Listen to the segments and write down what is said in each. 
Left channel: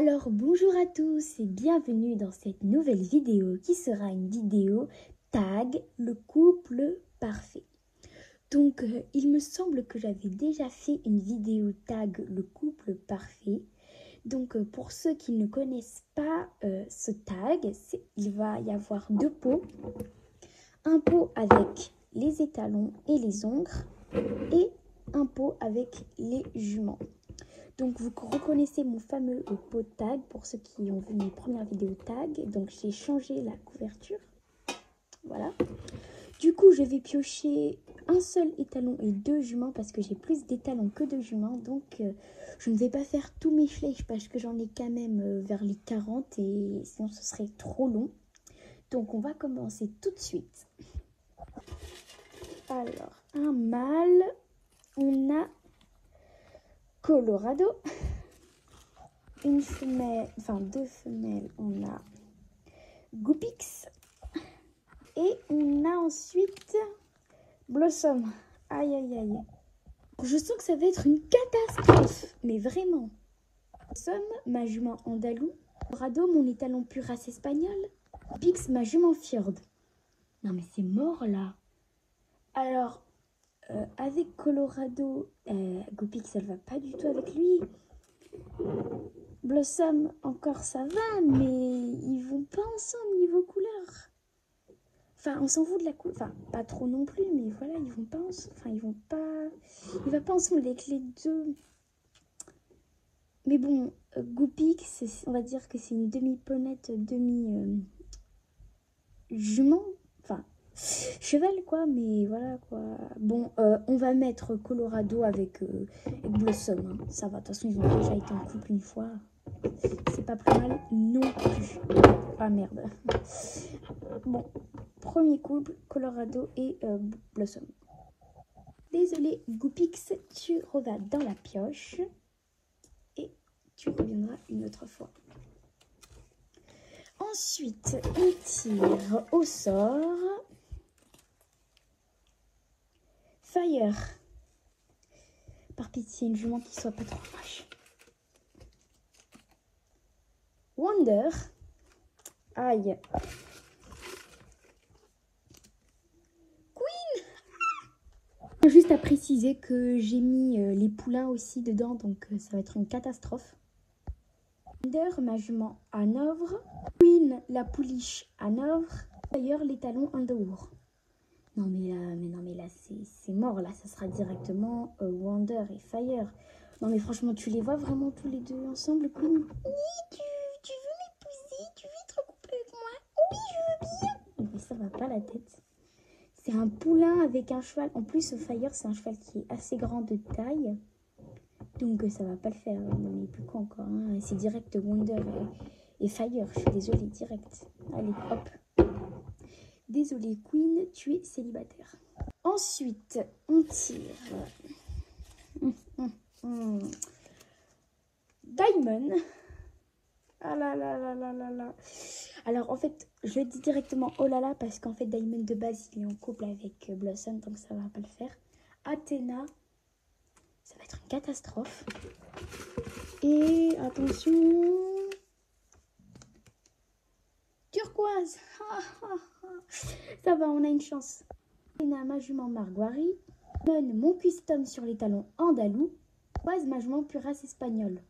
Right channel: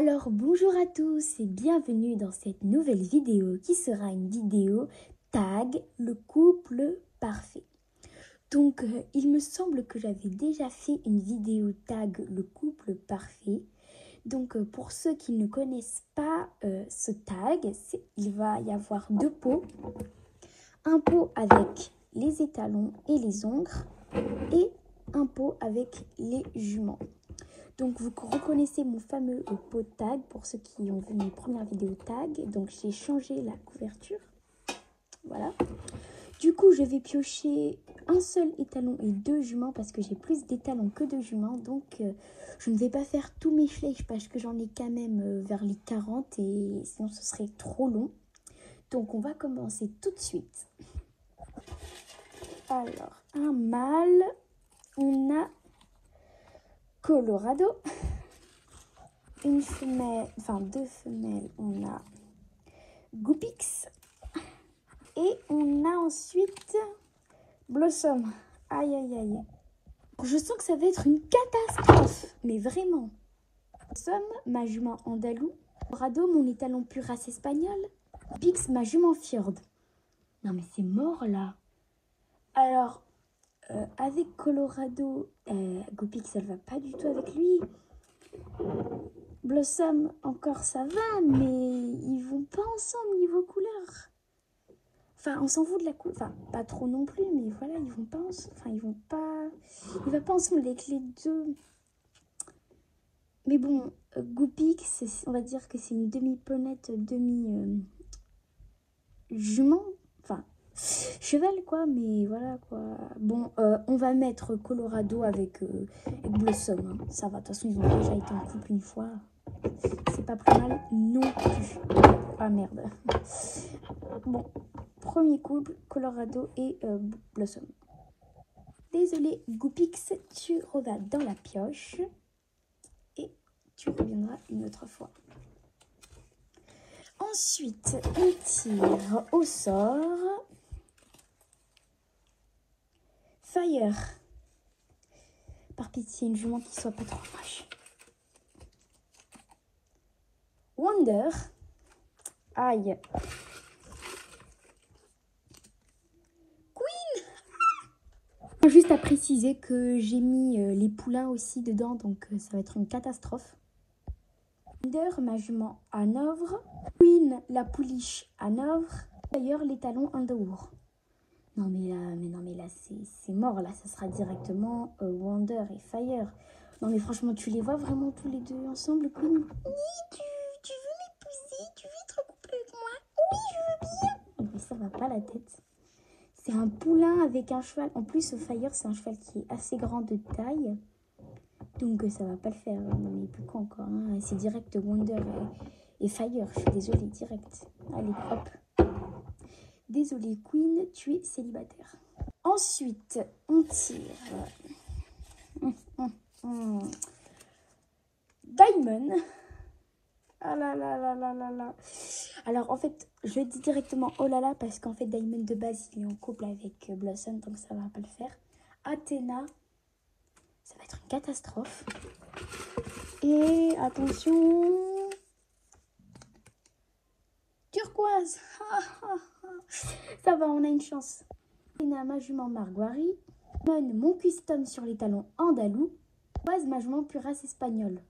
Alors bonjour à tous et bienvenue dans cette nouvelle vidéo qui sera une vidéo tag le couple parfait. Donc il me semble que j'avais déjà fait une vidéo tag le couple parfait. Donc pour ceux qui ne connaissent pas ce tag, il va y avoir deux pots. Un pot avec les étalons et les ongles et un pot avec les juments. Donc vous reconnaissez mon fameux pot tag pour ceux qui ont vu mes premières vidéos tag. Donc j'ai changé la couverture. Voilà. Du coup je vais piocher un seul étalon et deux juments parce que j'ai plus d'étalons que de juments. Donc je ne vais pas faire tous mes flèches parce que j'en ai quand même vers les 40 et sinon ce serait trop long. Donc on va commencer tout de suite. Alors un mâle, on a Colorado. Une femelle, enfin deux femelles, on a Goopix. Et on a ensuite Blossom. Aïe aïe aïe. Je sens que ça va être une catastrophe. Mais vraiment. Blossom, ma jument andalou. Colorado, mon étalon pur race espagnole. Goopix, ma jument fjord. Non mais c'est mort là. Alors, avec Colorado, Goopix elle va pas du tout avec lui. Blossom, encore ça va, mais ils vont pas ensemble niveau couleur. Enfin, on s'en fout de la couleur. Enfin, pas trop non plus, mais voilà, ils vont pas ensemble. Enfin, ils vont pas. Ils vont pas ensemble avec les deux. Mais bon, Goopix, on va dire que c'est une demi-ponette, demi-jument. Enfin, cheval quoi, mais voilà quoi. Bon, on va mettre Colorado avec Blossom. Hein. Ça va, de toute façon, ils ont déjà été en couple une fois. C'est pas plus mal non plus. Ah merde. Bon, premier couple, Colorado et Blossom. Désolé, Goopix, tu reviens dans la pioche et tu reviendras une autre fois. Ensuite, on tire au sort. Fire. Par pitié, une jument qui soit pas trop moche. Wonder. Aïe. Queen. Juste à préciser que j'ai mis les poulains aussi dedans, donc ça va être une catastrophe. Wonder, ma jument Hanovre. Queen, la pouliche Hanovre. D'ailleurs, les talons Underwood. Non mais là c'est mort, là ça sera directement Wonder et Fire. Non mais franchement, tu les vois vraiment tous les deux ensemble, Queen? Oui, tu veux m'épouser? Tu veux être couple avec moi? Oui, je veux bien. Mais ça va pas la tête. C'est un poulain avec un cheval. En plus, Fire, c'est un cheval qui est assez grand de taille. Donc ça va pas le faire. Non mais plus quoi encore. Hein. C'est direct Wonder et Fire. Je suis désolée, direct. Allez, hop. Désolée, Queen, tu es célibataire. Ensuite, on tire. Diamond. Ah là là là là là là. Alors en fait, je dis directement oh là là parce qu'en fait Diamond de base il est en couple avec Blossom, donc ça va pas le faire. Athéna, ça va être une catastrophe. Et attention, turquoise. Ça va, on a une chance. Athéna, ma jument Marguerite. Mon custom sur les talons andalou. Turquoise, ma jument pure race espagnole.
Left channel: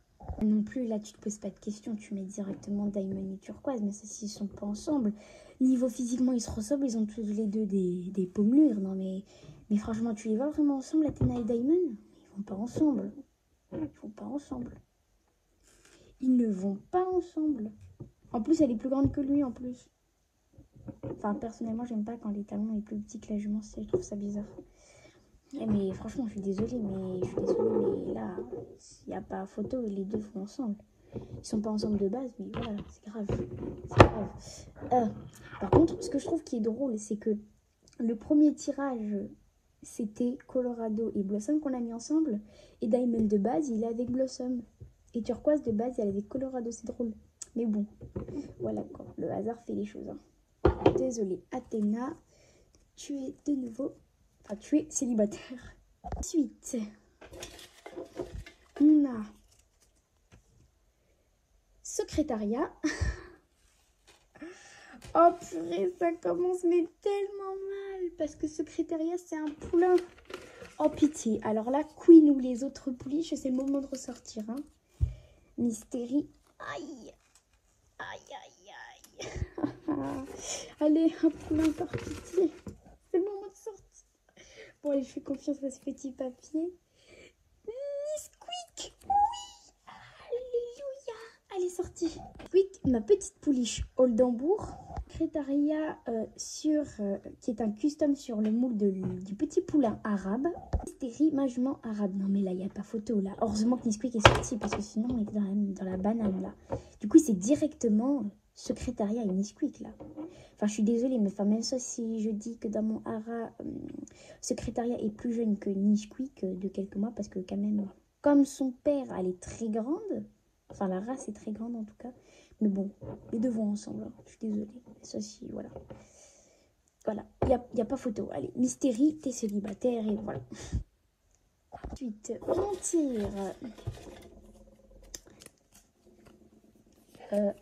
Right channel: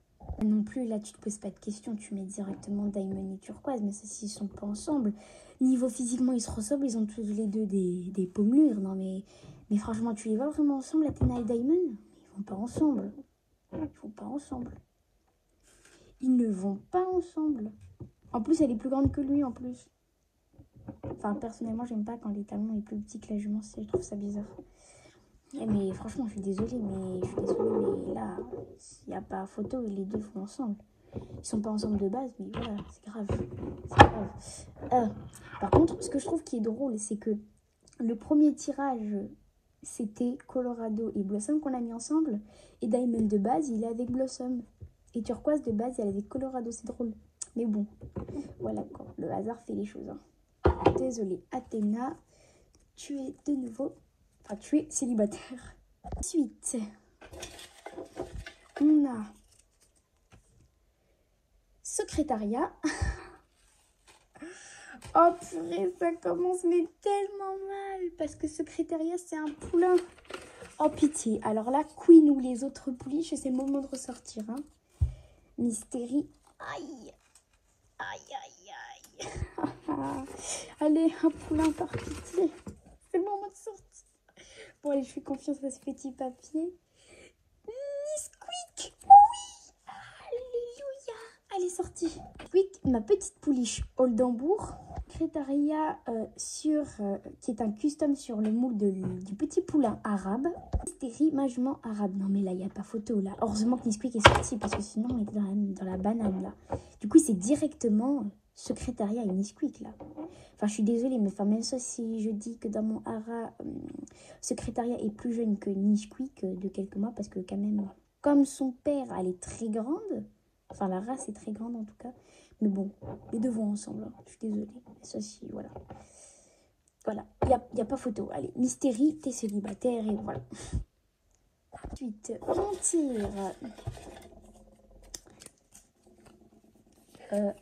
Non plus, là tu te poses pas de questions, tu mets directement Diamond et Turquoise, mais ceux-ci ils sont pas ensemble. Niveau physiquement ils se ressemblent, ils ont tous les deux des pommelures, non mais franchement tu les vois vraiment ensemble, Athéna et Diamond? Ils vont pas ensemble. Ils vont pas ensemble. Ils ne vont pas ensemble. En plus elle est plus grande que lui en plus. Enfin personnellement j'aime pas quand les talons est plus petit que la jument, je trouve ça bizarre. Mais franchement, je suis désolée, mais là, il n'y a pas photo, les deux vont ensemble. Ils sont pas ensemble de base, mais voilà, c'est grave. C'est grave. Par contre, ce que je trouve qui est drôle, c'est que le premier tirage, c'était Colorado et Blossom qu'on a mis ensemble. Et Diamond de base, il est avec Blossom. Et Turquoise de base, elle est avec Colorado, c'est drôle. Mais bon, voilà quoi, le hasard fait les choses. Hein. Désolée, Athéna, tu es de nouveau... Enfin, tu es célibataire. Ensuite, on a secrétariat. Oh purée, ça commence mais tellement mal. Parce que secrétariat, c'est un poulain. Oh pitié. Alors là, Queen ou les autres pouliches, c'est le moment de ressortir. Hein. Mystérie. Aïe. Aïe, aïe, aïe. Allez, un poulain par pitié. C'est le moment de sortir. Bon, allez, je fais confiance à ce petit papier. Nesquik. Oui. Alléluia. Elle est sortie. Nesquik, ma petite pouliche Oldenbourg. Secrétariat qui est un custom sur le moule du petit poulain arabe. Mystérie, ma jument arabe. Non mais là, il n'y a pas photo là. Heureusement que Nesquik est sorti parce que sinon on était dans la banane là. Du coup, c'est directement secrétariat et Nesquik là. Enfin, je suis désolée, mais enfin, même ça, si je dis que dans mon hara, secrétariat est plus jeune que Nesquik de quelques mois, parce que quand même, comme son père, elle est très grande. Enfin, la race est très grande en tout cas. Mais bon, les deux vont ensemble. Hein. Je suis désolée. Ceci, voilà. Voilà, il n'y a pas photo. Allez, Mystérie, t'es célibataire et voilà. Ensuite, on tire.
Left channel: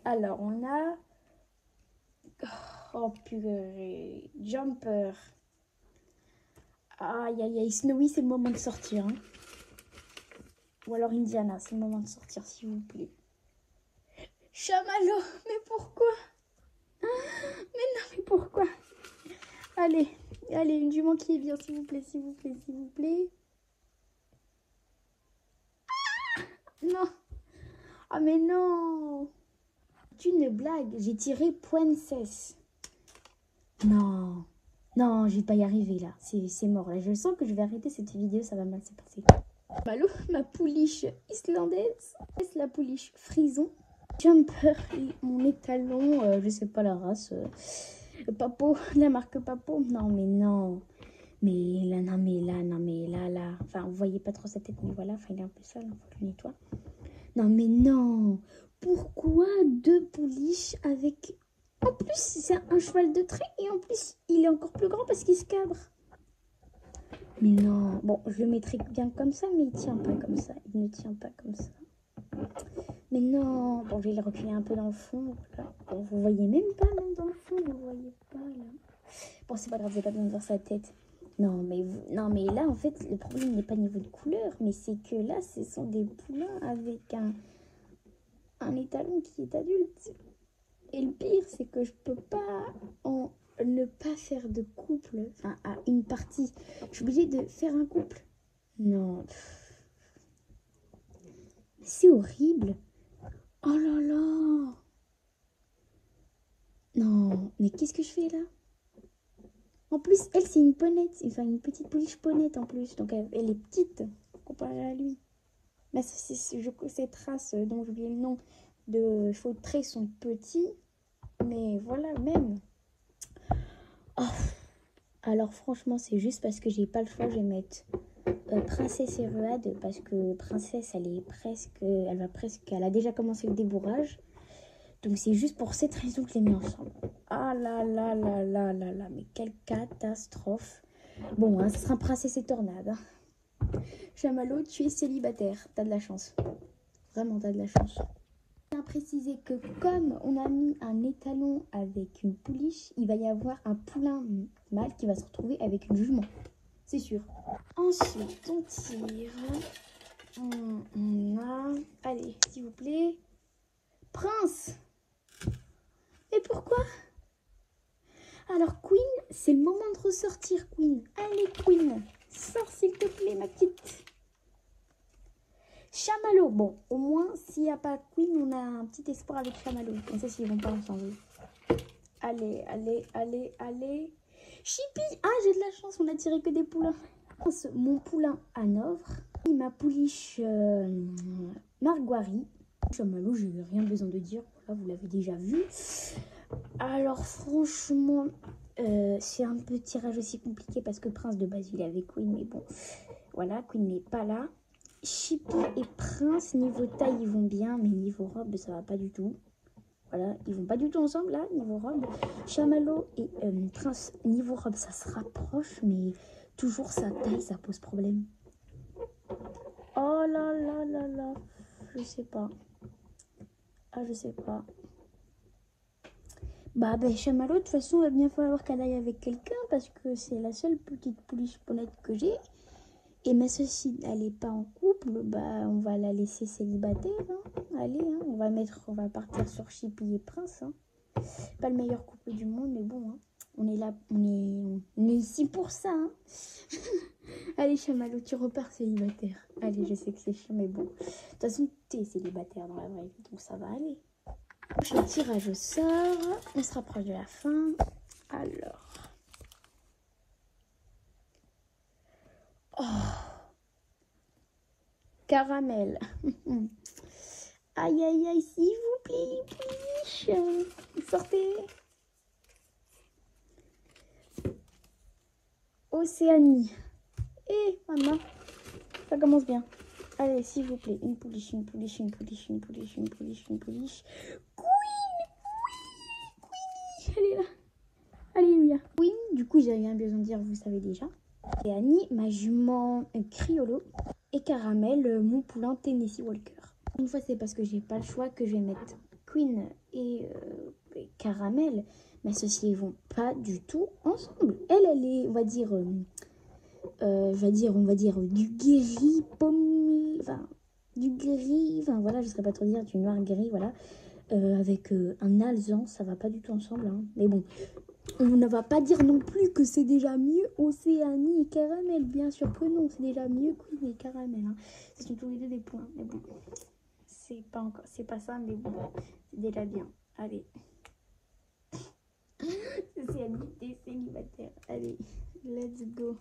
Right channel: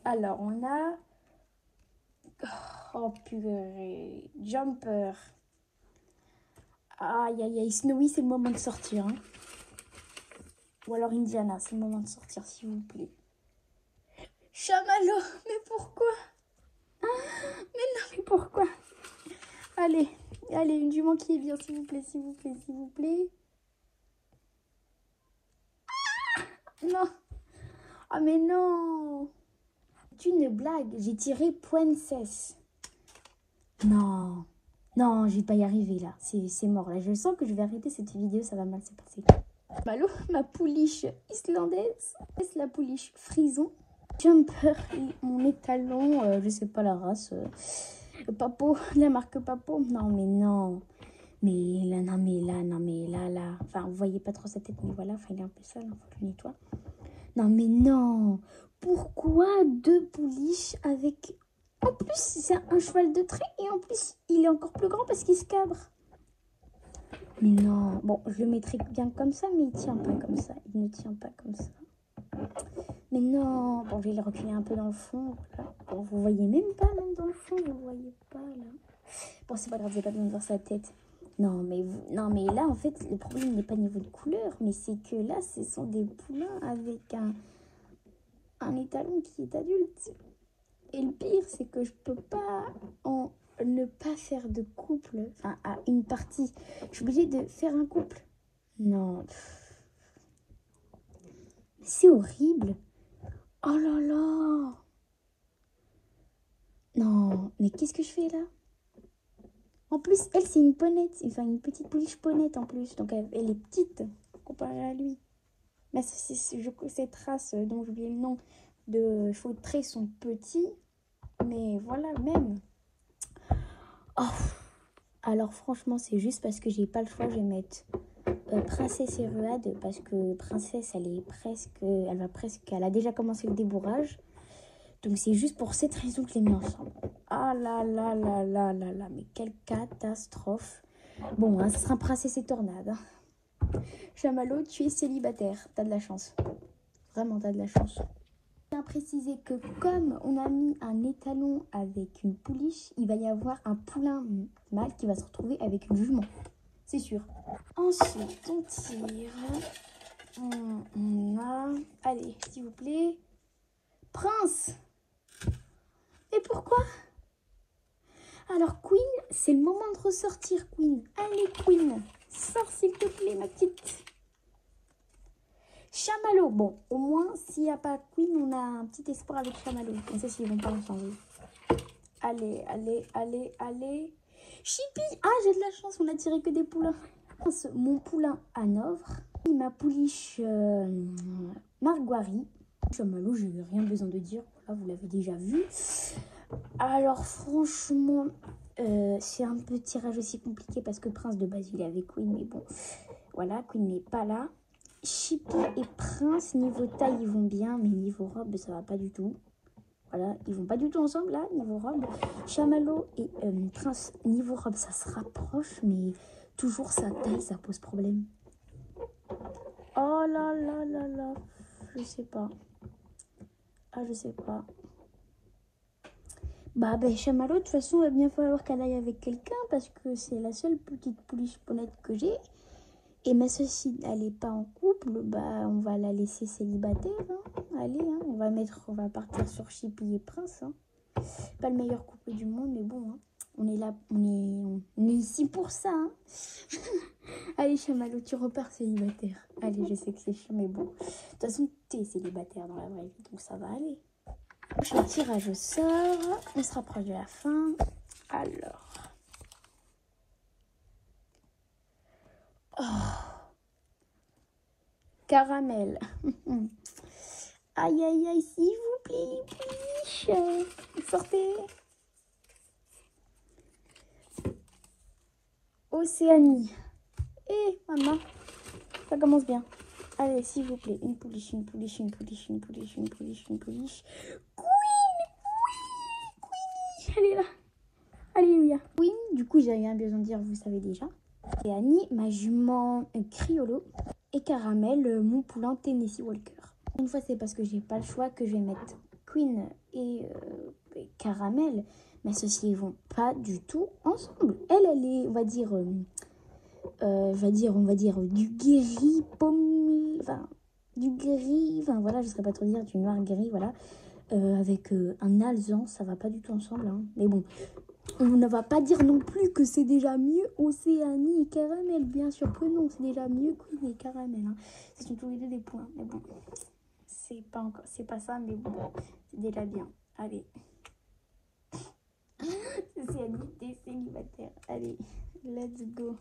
Alors, on a... Oh purée, Jumper. Aïe, aïe, aïe, Snowy, c'est le moment de sortir. Hein. Ou alors Indiana, c'est le moment de sortir, s'il vous plaît. Chamallow, mais pourquoi? Mais non, mais pourquoi? Allez, allez, une jument qui est bien, s'il vous plaît, s'il vous plaît, s'il vous plaît. Ah non. Ah mais non. C'est une blague, j'ai tiré Princess. Non. Non, je vais pas y arriver là, c'est mort. Là, je sens que je vais arrêter cette vidéo, ça va mal se passer. Malou, ma pouliche islandaise. C'est la pouliche frison. Jumper, mon étalon, je sais pas la race. Papo, la marque Papo. Non, mais non. Mais là, non, mais là, non, mais là. Enfin, vous voyez pas trop sa tête, mais voilà. Enfin, il est un peu sale, hein, faut que je le nettoie. Non, mais non. Pourquoi deux pouliches avec... En plus, c'est un cheval de trait et en plus, il est encore plus grand parce qu'il se cabre. Mais non. Bon, je le mettrai bien comme ça, mais il tient pas comme ça. Il ne tient pas comme ça. Mais non. Bon, je vais le reculer un peu dans le fond. Voilà. Bon, vous voyez même pas, même dans le fond, vous voyez pas, là. Bon, c'est pas grave, j'ai pas besoin de voir sa tête. Non, mais là, en fait, le problème n'est pas niveau de couleur, mais c'est que là, ce sont des poulains avec un étalon qui est adulte. Et le pire, c'est que je peux pas ne pas faire de couple, enfin, à une partie. Je suis obligée de faire un couple. Non. C'est horrible. Oh là là. Non, mais qu'est-ce que je fais là? En plus, elle, c'est une ponette. Enfin, une petite pouliche ponette en plus. Donc, elle est petite comparée à lui. Mais cette race dont j'ai oublié le nom de chevaux de trait sont petits. Mais voilà, même. Oh. Alors, franchement, c'est juste parce que j'ai pas le choix. Je vais mettre Princesse et Ruade. Parce que Princesse, elle a déjà commencé le débourrage. Donc, c'est juste pour cette raison que je les mets ensemble. Ah là là là là là là. Mais quelle catastrophe. Bon, hein, ce sera Princesse et Tornade. Hein. Chamallow, tu es célibataire. T'as de la chance. Vraiment, t'as de la chance. Je tiens à préciser que comme on a mis un étalon avec une pouliche, il va y avoir un poulain mâle qui va se retrouver avec une jument. C'est sûr. Ensuite, on tire. On a... Allez, s'il vous plaît. Prince. Et pourquoi? Alors, Queen, c'est le moment de ressortir, Queen. Allez, Queen. Sors, s'il te plaît, ma petite. Chamallow. Bon, au moins, s'il n'y a pas Queen, on a un petit espoir avec Chamallow. On sait s'ils vont pas ensemble. Allez, allez, allez, allez. Chippy. Ah, j'ai de la chance, on a tiré que des poulains. Mon poulain Hanovre. Ma pouliche Marguerite. Chamallow, je n'ai rien besoin de dire. Voilà, vous l'avez déjà vu. Alors, franchement, c'est un peu tirage aussi compliqué parce que Prince de base, il est avec Queen. Mais bon, voilà, Queen n'est pas là. Chippy et Prince, niveau taille, ils vont bien, mais niveau robe, ça va pas du tout. Voilà, ils vont pas du tout ensemble, là, niveau robe. Chamallow et Prince, niveau robe, ça se rapproche, mais toujours sa taille, ça pose problème. Oh là là là là, je sais pas. Ah, je sais pas. Bah, ben, Chamallow, de toute façon, il va bien falloir qu'elle aille avec quelqu'un parce que c'est la seule petite pouliche ponette que j'ai. Et ma soeur, si elle n'est pas en couple, bah, on va la laisser célibataire. Hein. Allez, hein, on va partir sur Chippy et Prince. Hein. Pas le meilleur couple du monde, mais bon, hein, on est là, on est ici pour ça. Hein. Allez, Chamallow, tu repars célibataire. Allez, je sais que c'est chiant, mais bon. De toute façon, tu es célibataire dans la vraie vie, donc ça va aller. Je fais le tirage au sort. On se rapproche de la fin. Alors. Oh. Caramel. Aïe, aïe, aïe, s'il vous plaît, please. Sortez. Océanie. Eh, maman, ça commence bien. Allez, s'il vous plaît, une pouliche, une pouliche, une pouliche, une pouliche, une pouliche, une pouliche. Queen, elle est là. Alléluia. Queen, du coup, j'ai rien besoin de dire, vous savez déjà. Et Annie, ma jument Criollo. Et Caramel, mon poulain Tennessee Walker. Une fois, c'est parce que j'ai pas le choix que je vais mettre Queen et Caramel. Mais ceux-ci ils vont pas du tout ensemble. Elle est, on va dire, du gris pomme, enfin, du gris, enfin voilà, je ne saurais pas trop dire, du noir gris, voilà, avec un alezan, ça va pas du tout ensemble, hein. Mais bon, on ne va pas dire non plus que c'est déjà mieux Océanie et Caramel, bien sûr que non, c'est déjà mieux Queen et Caramel, hein. Ce sont tous les deux des points, mais bon, c'est pas ça, mais bon, c'est déjà bien, allez. Océanie, t'es célibataire, allez, let's go.